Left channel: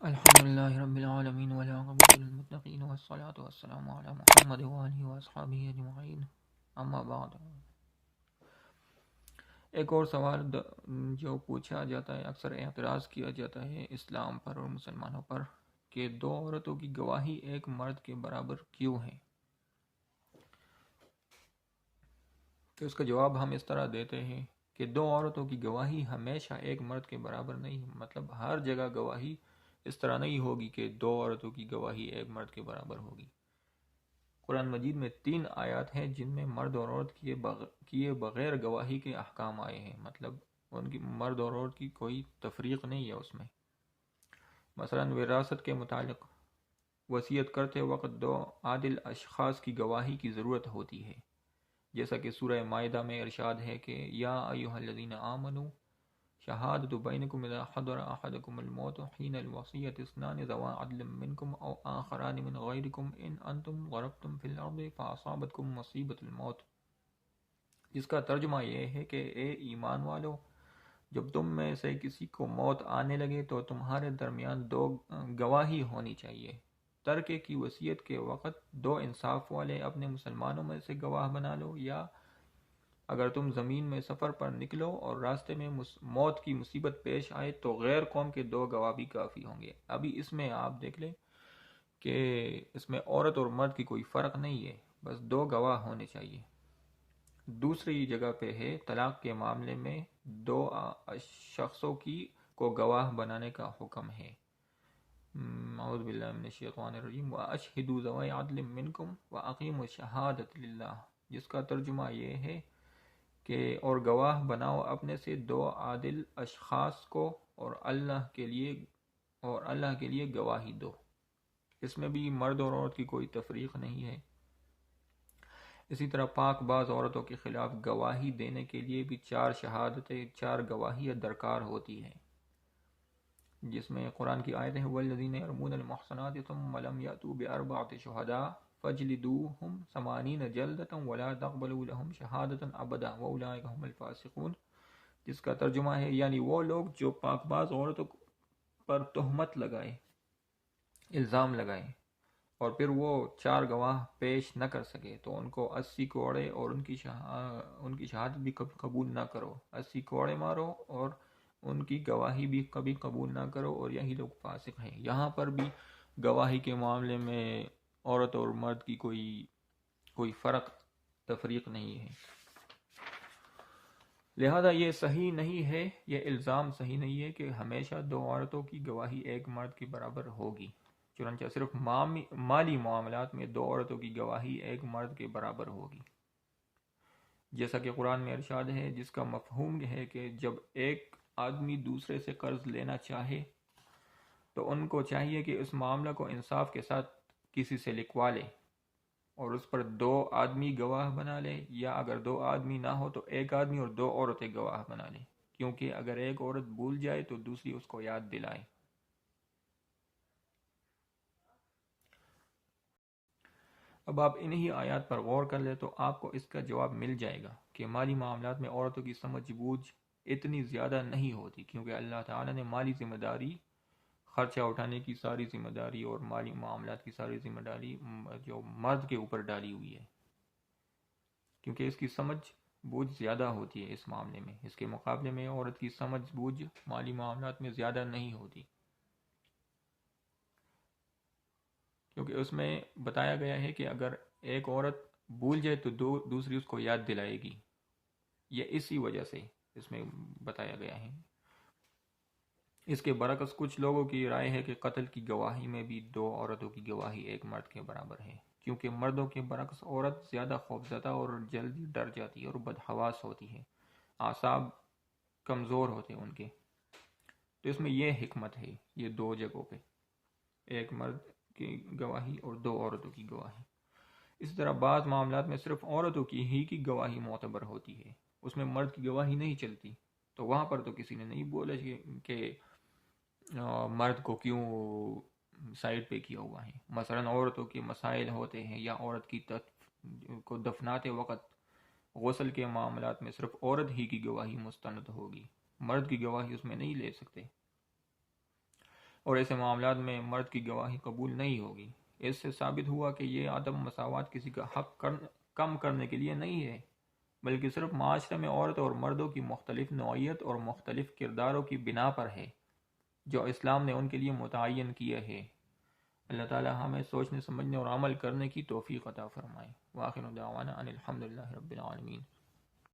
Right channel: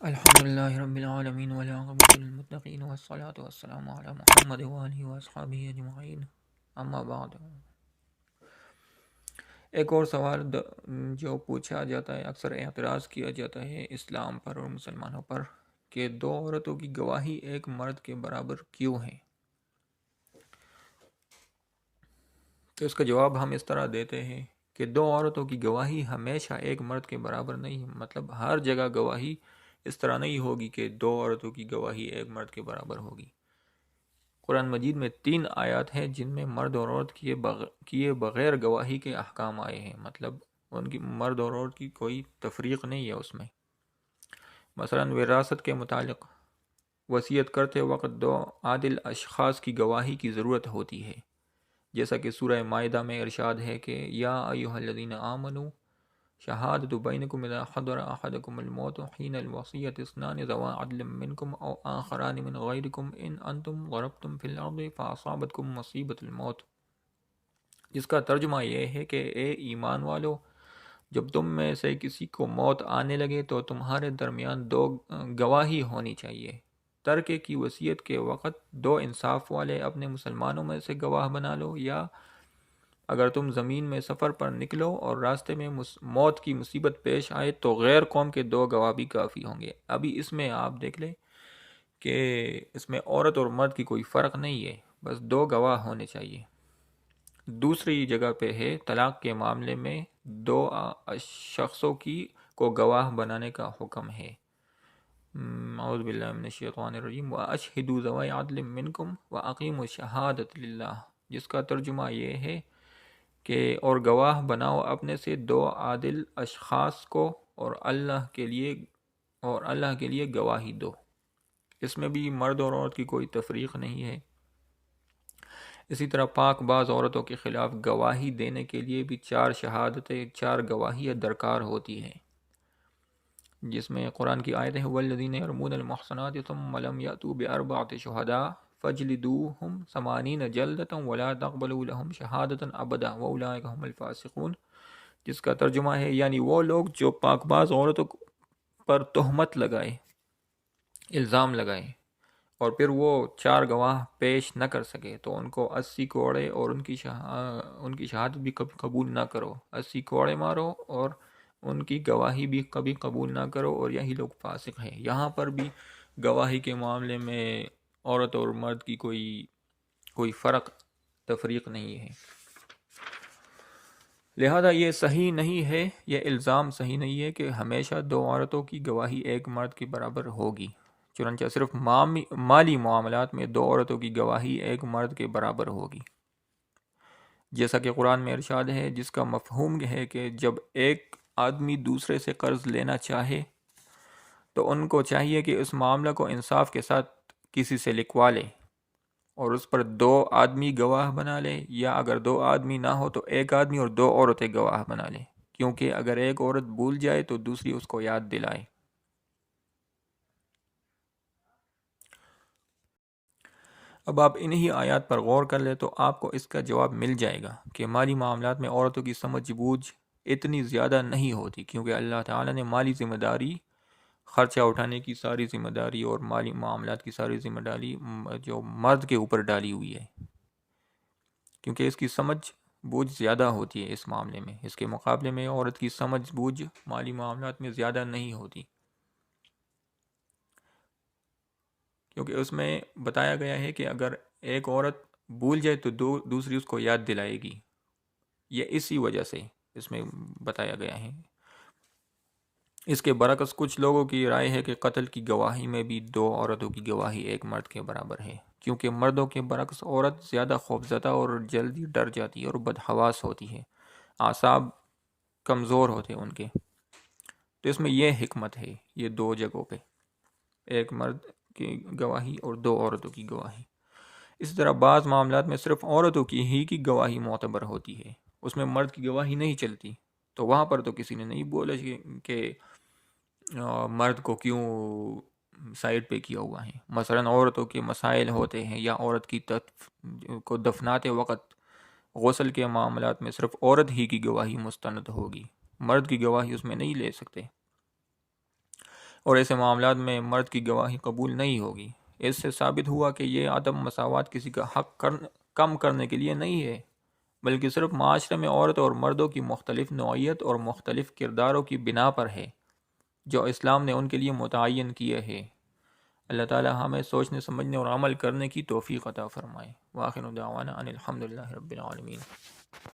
الحمد لله رب العالمين والعاقبة للمتقين والصلاة والسلام على محمد وآله وأصحابه أجمعين اما بعد۔ ایک اور سوال جو پوچھا جاتا ہے، اکثر اعتراض کیا جاتا ہے اسلام پر اور مسلمانوں پر کہ دو عورتوں کی گواہی ایک مرد کے برابر کیوں ہے؟ تو اس کا جواب ہم اس طرح دیتے ہیں کہ دو عورتوں کی گواہی ہمیشہ ایک مرد کے برابر نہیں، مطلب ہر جگہ گواہی اس طرح نہیں ہوگی کہ دو عورتوں کی گواہی ایک مرد کے برابر ہوگی۔ قرآن مجید میں 3 آیات ہیں جن میں مرد اور عورت کیے بغیر گواہی کے احکام آئے ہیں، مطلب ان کی مرد اور عورت کی کوئی تفریق نہیں ہے اس میں۔ مثلا وراثت کے متعلق وصیت کرتے وقت 2 عادل اشخاص کی گواہی کی ضرورت ہوتی ہے، جیسا کہ سورہ مائدہ میں ارشاد ہے کہ یا ایھا الذین آمنوا شہادۃ بینکم اذا حضر احدکم الموت حین الوصیۃ اثنان ذوا عدل منکم او آخران من غیرکم ان انتم ضربتم فی الارض فاصابتکم مصیبۃ الموت، جس کا ترجمہ یہ ہے کہ اے ایمان والو، جب تم میں سے کسی کو موت آنے لگے تو تمہارے درمیان 2 گواہی ہونی چاہیے۔ ترکے کی وصیت کے وقت 2 انصاف والے اپنے مسلمانوں میں سے گواہ بنا لو، یا اگر تم زمین میں سفر پر نکلو اور راستے میں موت کی مصیبت پیش آئے تو غیر قوم کے 2 گواہ بھی کافی ہوں گے۔ ابھی اس میں آپ دیکھ لیں کہ اس میں عورت اور مرد کی کوئی فرق نہیں ہے، بس 2 گواہ ہونے چاہیے۔ دوسری جگہ پہ ہے طلاق کے معاملے میں 2 شخصوں کو گواہ بنانے کا حکم ہے۔ اعوذ باللہ من الشیطان الرجیم وَأَشْهِدُوا ذَوَيْ عَدْلٍ مِّنْكُمْ وَأَقِیمُوا الشَّهَادَةَ لِلَّهِ، جس کا ترجمہ یہ ہے کہ اور گواہ بناؤ اپنے سے 2 عادل اشخاص کو اور اللہ کے لیے گواہی دو۔ اس میں بھی مرد اور عورت کی کوئی تفریق نہیں ہے۔ اسی طرح پاک باز عورتوں کے خلاف گواہی دینے کے لیے بھی 4 شہادتیں، 4 گواہیاں درکار ہوتی ہیں، جس میں قرآن کی آیت ہے والذین یرمون المحصنات ثم لم یأتوا بأربعة شہداء فاجلدوہم 80 جلدۃ ولا تقبلوا لهم شہادۃ ابدا واولئک هم الفاسقون، جس کا ترجمہ ہے یعنی وہ لوگ جو پاک باز عورتوں پر تہمت لگائے، الزام لگائے اور پھر وہ 4 گواہ پیش نہ کر سکے تو ان کو 80 کوڑے اور ان کی شہادت بھی کبھی قبول نہ کرو، 80 کوڑے مارو اور ان کی گواہی بھی کبھی قبول نہ کرو، اور یہی لوگ فاسق ہیں۔ یہاں پر بھی گواہی کے معاملے میں عورت اور مرد کی کوئی فرق تفریق نہیں ہے، لہذا یہ صحیح نہیں ہے، یہ الزام صحیح نہیں ہے کہ ہمیشہ 2 عورتوں کی گواہی ایک مرد کے برابر ہوگی۔ چنانچہ صرف مالی معاملات میں 2 عورتوں کی گواہی ایک مرد کے برابر ہوگی، جیسا کہ قرآن میں ارشاد ہے، جس کا مفہوم ہے کہ جب ایک آدمی دوسرے سے قرض لینا چاہے تو ان کو چاہیے کہ اس معاملہ کو انصاف کے ساتھ کسی سے لکھوا لے اور اس پر 2 آدمی گواہ بنا لے، یا اگر 2 آدمی نہ ہو تو 1 آدمی اور 2 عورتیں گواہ بنا لیں، کیونکہ اگر ایک عورت بھول جائے تو دوسری اس کو یاد دلائے۔ اب آپ انہی آیات پر غور کر لیں تو آپ کو اس کا جواب مل جائے گا کہ مالی معاملات میں عورتوں کی سمجھ بوجھ اتنی زیادہ نہیں ہوتی، کیونکہ اللہ تعالیٰ نے مالی ذمہ داری، خرچہ اٹھانے کی ساری ذمہ داری اور مالی معاملات کی ساری ذمہ داری جو مرد کے اوپر ڈالی ہوئی ہے، کیونکہ اس کی سمجھ بوجھ زیادہ ہوتی ہے اس معاملے میں، اس کے مقابلے میں عورت کی سمجھ بوجھ مالی معاملات میں زیادہ نہیں ہوتی، کیونکہ اس میں بتایا گیا ہے کہ اگر ایک عورت بھول جائے تو دوسری اس کو یاد دلائے گی، یہ اسی وجہ سے اس میں بتایا گیا ہے۔ اس کے برعکس کچھ لوگوں کی رائے ہے کہ قتل کی گواہی میں بھی 2 عورتوں کی گواہی ایک مرد کے برابر ہے، کیونکہ مردوں کے برعکس عورت زیادہ خوفزدہ اور جلدی ڈر جاتی ہے اور بدحواس ہوتی ہے، اعصاب کمزور ہوتے ہیں ان کے، تو اس میں یہ حکمت ہے، یہ 2 جگہوں پہ ایک مرد کی گواہی اور 2 عورتوں کی گواہی۔ اسی طرح بعض معاملات میں صرف عورتوں کی گواہی معتبر ہوتی ہے، اس میں مرد کی گواہی نہیں چلتی، تو وہاں پر تو کسی نے نہیں بولا کہ مرد کو کیوں سائڈ پہ کیا ہوا ہے۔ مثلا عورتوں کے مسائل ہوتے ہیں یا عورت کی کو دفناتے وقت غسل کے معاملات میں صرف عورت ہی کی گواہی مستند ہوگی، مرد کی گواہی اس میں نہیں لے سکتے۔ اور ایسے معاملات میں مرد کی گواہی قبول نہیں ہوگی۔ اس سے ثابت ہوا کہ یہ عدم مساوات کسی کا حق کم کرنے کے لیے نہیں ہے، بلکہ صرف معاشرے میں عورت اور مردوں کی مختلف نوعیت اور مختلف کرداروں کی بنا پر ہے جو اسلام نے ان کے لیے متعین کیے ہیں۔ اللہ تعالی ہمیں سوچنے سمجھنے اور عمل کرنے کی توفیق عطا فرمائے۔ وآخر دعوانا ان الحمد للہ رب العالمین۔